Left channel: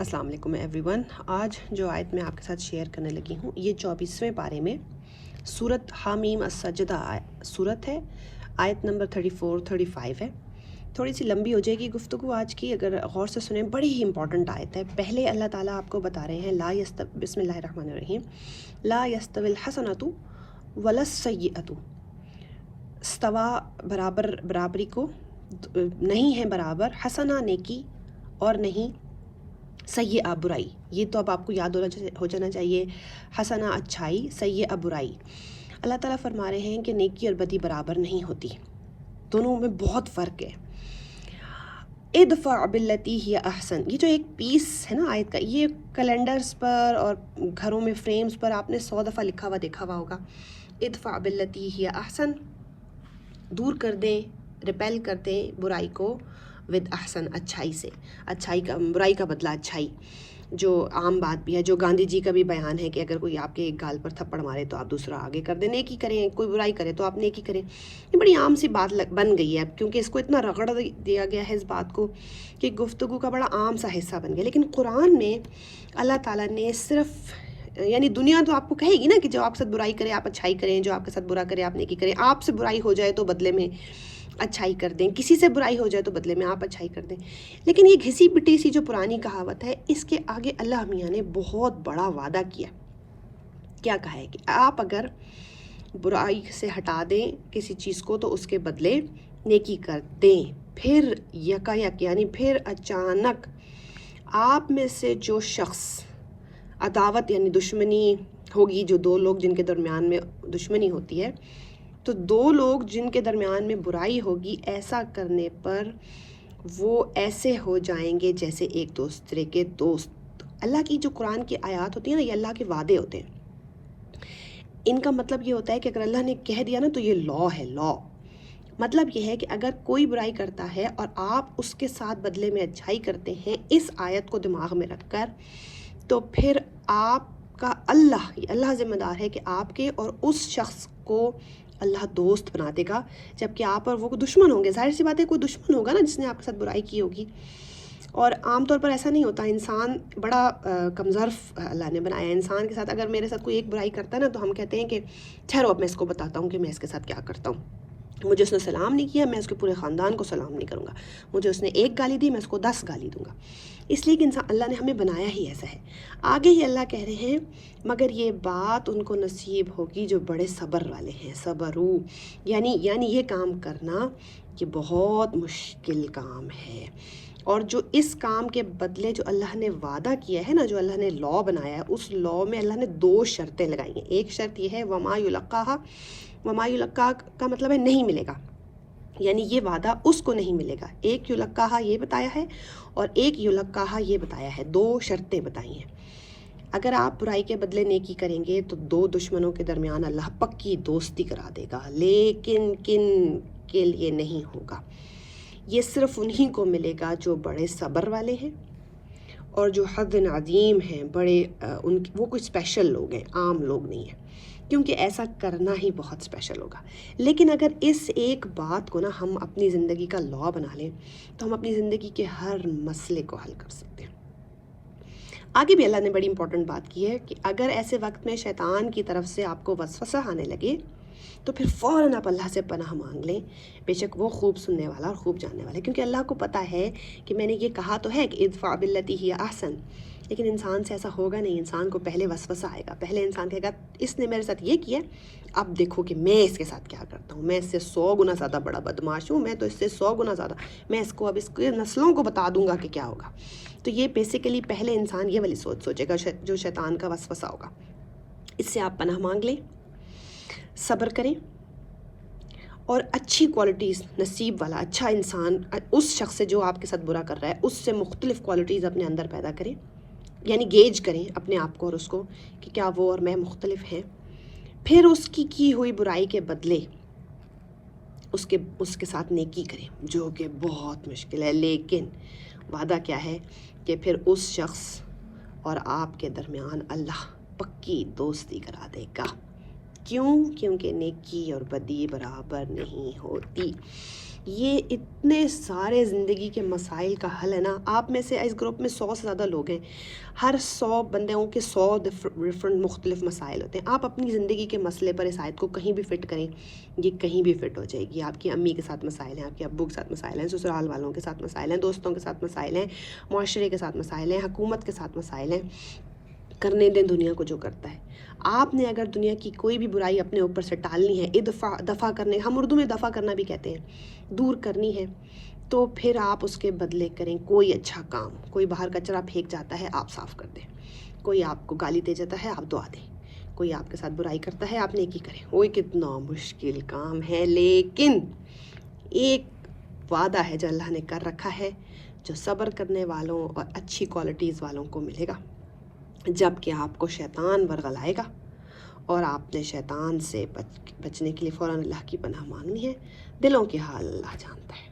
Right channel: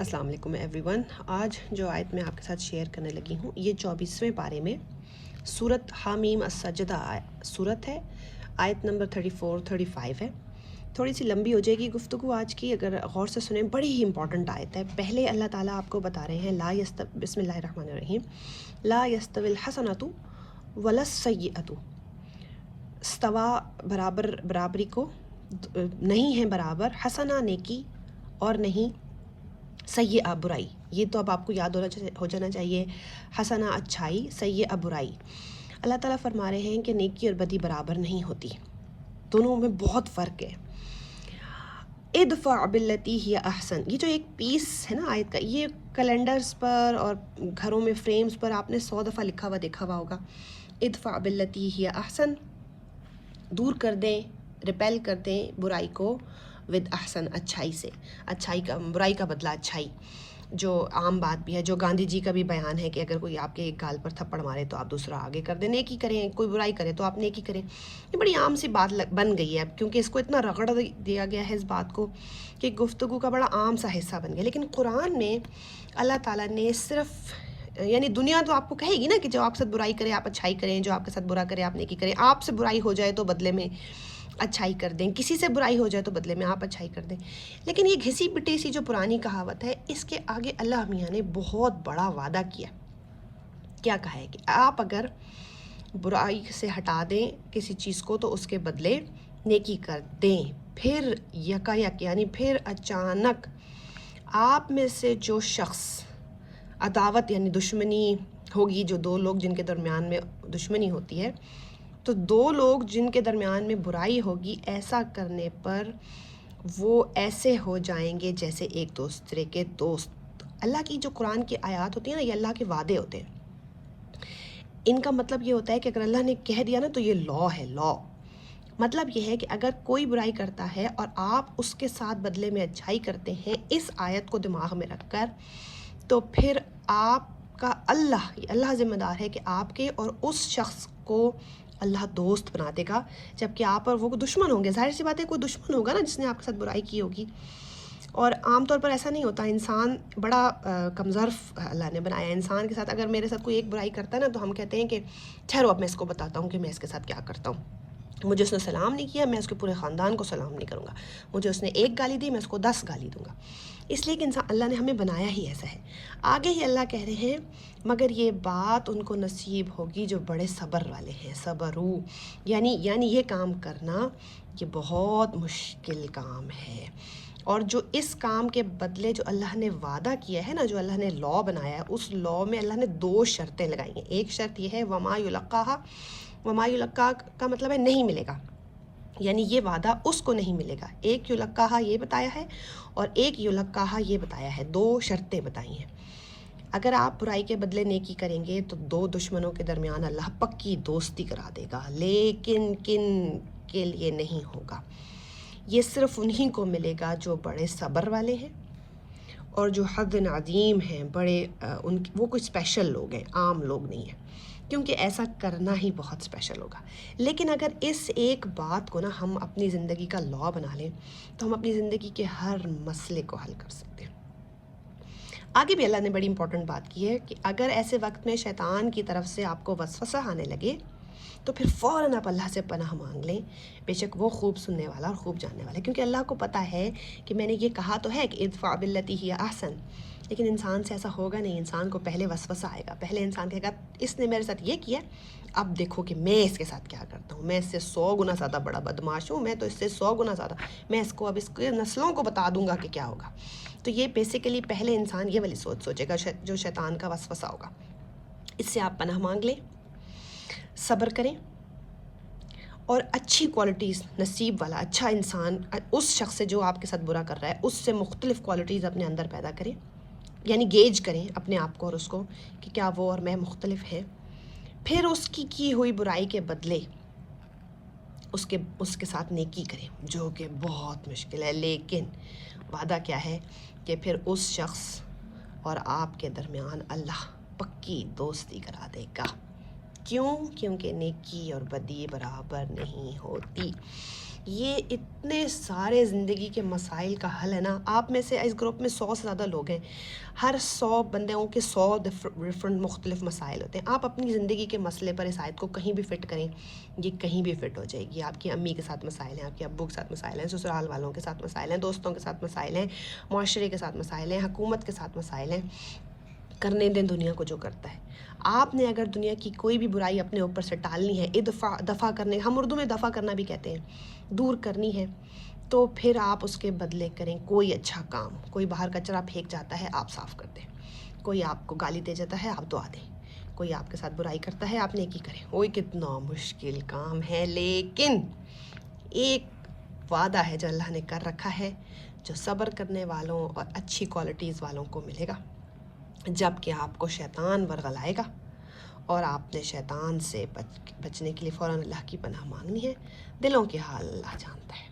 अस्सलाम वालेकुम एवरीवन। आज जो आयत मैं आपके साथ शेयर करने लगी हूँ ये 24वें पारे में सूरत हामीम अस्सजदा सूरत है, आयत नंबर 34-35 है। थोड़ी सी लंबी हो जाएगी गुफ्तगू आज की, अगर गौर से सुने बड़ी ही इंपॉर्टेंट आयत है। पहले अल्लाह ताला आपको बता रहे हैं बिस्मिल्लाहिर्रहमानिर्रहीम, ला यस्तविल हसनतु वलस सय्यअतु, स्तवा बराबरी को नहीं है बराबर, हसना नेकी और नहीं सय्यअ बुराई। ये तो अब आपको याद हो जाना चाहिए, हसना अच्छाई, सय्यअ बुराई। अल्लाह ताला फरमा रहे हैं कि नेकी और बदी बराबर नहीं होती, दोनों में बहुत फ़र्क है। इदफ़अ बिल्लती हिय अहसन, ये जो एक पीस है ना आयत का, ये कैलेंडर्स पर और घरों में फ्रेम्स पर आपने 100 दफ़ा लिखा हुआ देखा हुआ होगा। इदफ़अ बिल्लती हिय अहसन, दूर कर दें, रिपेल कर दें बुराई को विद अहसन, अच्छाई से। अच्छाई का, बुराई का बदला अच्छाई, जो आम बात भी है, जो गांधी जी का भी बयान है कि अगर कोई आपके एक गाल पर थप्पड़ मारे तो आप दूसरा आगे कर दें, नेकी करें, कोई बुराई करे तो आप नेकी करें। ये बड़ी आम सी बात बन गई है अब, क्योंकि इसको इतना रगड़ दिया गया है इस बात को कि गुफ्तगू का बड़ा आम सा हिस्सा बन गया। लेकिन कुरान में अल्लाह ताला ने सिर्फ, यानी दुनिया तो आपको कहेगी ना कि जो आपके साथ बुराई करे आप अच्छाई करें, जो आपके साथ बुरा करे आप नेकी करें, आपसे बुराई हो जाए तो बदले में अच्छाई कर दें, किसी से बुराई हो जाए तो बदले में आप अच्छाई कर दें। लेकिन ये घिसी पिटी सी जो पुरानी कहावत है, इसके आगे अल्लाह मियाँ ने बहुत बड़ा वादा किया। क्या कहा है कि आप अगर बुराई से हटा दें किसी चीज़ को तो उसके बदले नेकी कर दें, फिर यकायक यानी फिर अचानक आप में से जो शख्स अदावत यानी दुश्मनी होगी, जो दो लोग जिनके दरमियान में दुश्मनी होती है, तो दो लोग जिनके दरमियान में बुराई होगी, ऐसा करने पर वो ऐसे हो जाएंगे जैसे एक दूसरे के दोस्त। अल्लाह की जो कुरान की आयत होती है ना, ये अल्लाह के वादे होते हैं। इनका मतलब ये होता है कि अगर अल्लाह ने कह दिया ना तो ये लॉ है। लॉ मतलब ये है कि अगर कोई बुराई करता है और आप उसके साथ बदले में अच्छाई करते हैं, इस आयत को दिमाग में रखकर, तो फिर आपका अल्लाह जिम्मेदार है कि आपके और उस शख्स को अल्लाह दोस्त बना देगा, जबकि आप और वो दुश्मन होंगे। जाहिर सी बात है, कोई दुश्मन होगा ना जिसने आपके साथ बुराई की होगी। और आमतौर पर ऐसा नहीं होता, इंसान बड़ा कमज़ोर अल्लाह ने बनाया है। इंसान के साथ अगर मेरे साथ कोई एक बुराई करता है ना, तो हम कहते हैं कि ठहरो अब मैं इसको बताता हूँ कि मैं इसके साथ क्या करता हूँ। मुझे उसने सलाम नहीं किया, मैं उसके पूरे ख़ानदान को सलाम नहीं करूँगा। मुझे उसने एक गाली दी, मैं उसको 10 गाली दूँगा। इसलिए कि इंसान, अल्लाह ने हमें बनाया ही ऐसा है। आगे ही अल्लाह कह रहे हैं, मगर ये बात उनको नसीब होगी जो बड़े सब्र वाले हैं। सबरू यानी ये काम करना ये बहुत मुश्किल काम है, और जो इस काम के बदले जो अल्लाह ने वादा किया है ना, जो अल्लाह ने लॉ बनाया है, उस लॉ में अल्लाह ने 2 शर्तें लगाई हैं। एक शर्त ये है वमा युलक्का का मतलब है नहीं मिलेगा, यानी ये वादा उसको नहीं मिलेगा। एक युलक्काहा ये बताया है और एक युलक्काहा ये बताया है, 2 शर्तें बताई हैं। अगर आप बुराई के बदले नेकी करेंगे तो 2 दुश्मनों के दरमियान अल्लाह पक्की दोस्ती करा देगा, लेकिन किन के लिए नहीं होगा। ये सिर्फ उन्हीं को मिलेगा जो बड़े सब्र वाले हैं और जो हद अज़ीम हैं, बड़े वो कोई स्पेशल लोग हैं, आम लोग नहीं हैं, क्योंकि ऐसा करना ही बहुत स्पेशल होगा। लेकिन अगर इस एक बात को ना हम अपनी ज़िंदगी का लॉ बना लें, तो हम अपनी ज़िंदगी के हर मसले को हल कर सकते हैं। आगे भी अल्लाह ने बड़ी इंपॉर्टेंट बात की है कि अगर ऐसे वक्त में शैतान की तरफ से आपको वसवसा आने लगे, तो फिर फ़ौरन आप अल्लाह से पनाह मांग लें। बेशक वो खूब सुनने वाला और खूब जानने वाला है, क्योंकि अल्लाह को पता है कि मैंने ये कहा तो है कि इदफ़अ बिल्लती हिय अहसन, लेकिन इंसान से ऐसा होगा नहीं। इंसान को पहले वसवसा आएगा, पहले इंसान कहेगा इसने मेरे साथ ये किया, अब देखो कि मैं इसके साथ क्या करता हूँ। मैं इससे 100 गुना ज़्यादा बड़ा बदमाश हूँ, मैं तो इससे 100 गुना ज़्यादा, मैं इसको अब इसके नस्लों को बता दूंगा कि क्या होगा। तो ये बेसिकली पहले इंसान ये वाली सोच सोचेगा, जो शैतान का वसवसा होगा। इससे आप पनाह मांग लें, सब्र करें, और अच्छी क्वालिटीज़, नसीब वाला अच्छा इंसान उस शख्स से जो आपके साथ बुरा कर रहा है, उससे मुख्तलिफ़ क्वालिटीज़ अपने अंदर पैदा करें, यानी गेज करें अपने आप को और उसको कि क्या वो और मैं मुख्तलिफ हैं। फिर उसकी की हुई बुराई के बदले उसके साथ नेकी करें, जो कि बहुत मुश्किल है। लेकिन वादा क्या है कि फिर उस शख्स और आपके दरमियान अल्लाह पक्की दोस्ती करा देगा। क्यों? क्योंकि नेकी और बदी बराबर नहीं होती। یہ اتنے سارے زندگی کے مسائل کا حل ہے نا. آپ میں سے اس گروپ میں 100 سے زیادہ لوگ ہیں, ہر 100 بندوں کے 100 ڈفرنٹ مختلف مسائل ہوتے ہیں. آپ اپنی زندگی کے مسئلے پر اس آیت کو کہیں بھی فٹ کریں, یہ کہیں بھی فٹ ہو جائے گی. آپ کی امی کے ساتھ مسائل ہیں, آپ کے ابو کے ساتھ مسائل ہیں, سسرال والوں کے ساتھ مسائل ہیں, دوستوں کے ساتھ مسائل ہیں, معاشرے کے ساتھ مسائل ہیں, حکومت کے ساتھ مسائل ہیں. کرنے دیں دنیا کو جو کرتا ہے. آپ نے اگر دنیا کی کوئی بھی برائی اپنے اوپر سے ٹالنی ہے, دفع کرنے, ہم اردو میں دفع کرنا بھی کہتے ہیں, دور کرنی ہے, تو پھر آپ اس کے بدلے کریں کوئی اچھا کام. کوئی باہر کچرا پھینک جاتا ہے, آپ صاف کر دیں. کوئی آپ کو گالی دے جاتا ہے, آپ دعا دیں. کوئی آپ کے ساتھ برائی کرتا ہے, آپ نیکی کریں. وہ کتنا مشکل کام ہے, لیکن ایک وعدہ ہے جو اللہ نے کر رکھا ہے, جو صبر کرنے والوں اور اچھی کوالٹیز والوں کو ملے گا. جب کہ آپ کو شیطان ورغلائے گا اور آپ نے شیطان سے بچنے کے لیے فوراً اللہ کی پناہ مانگنی ہے. دلوں کے حال اللہ جانتا ہے.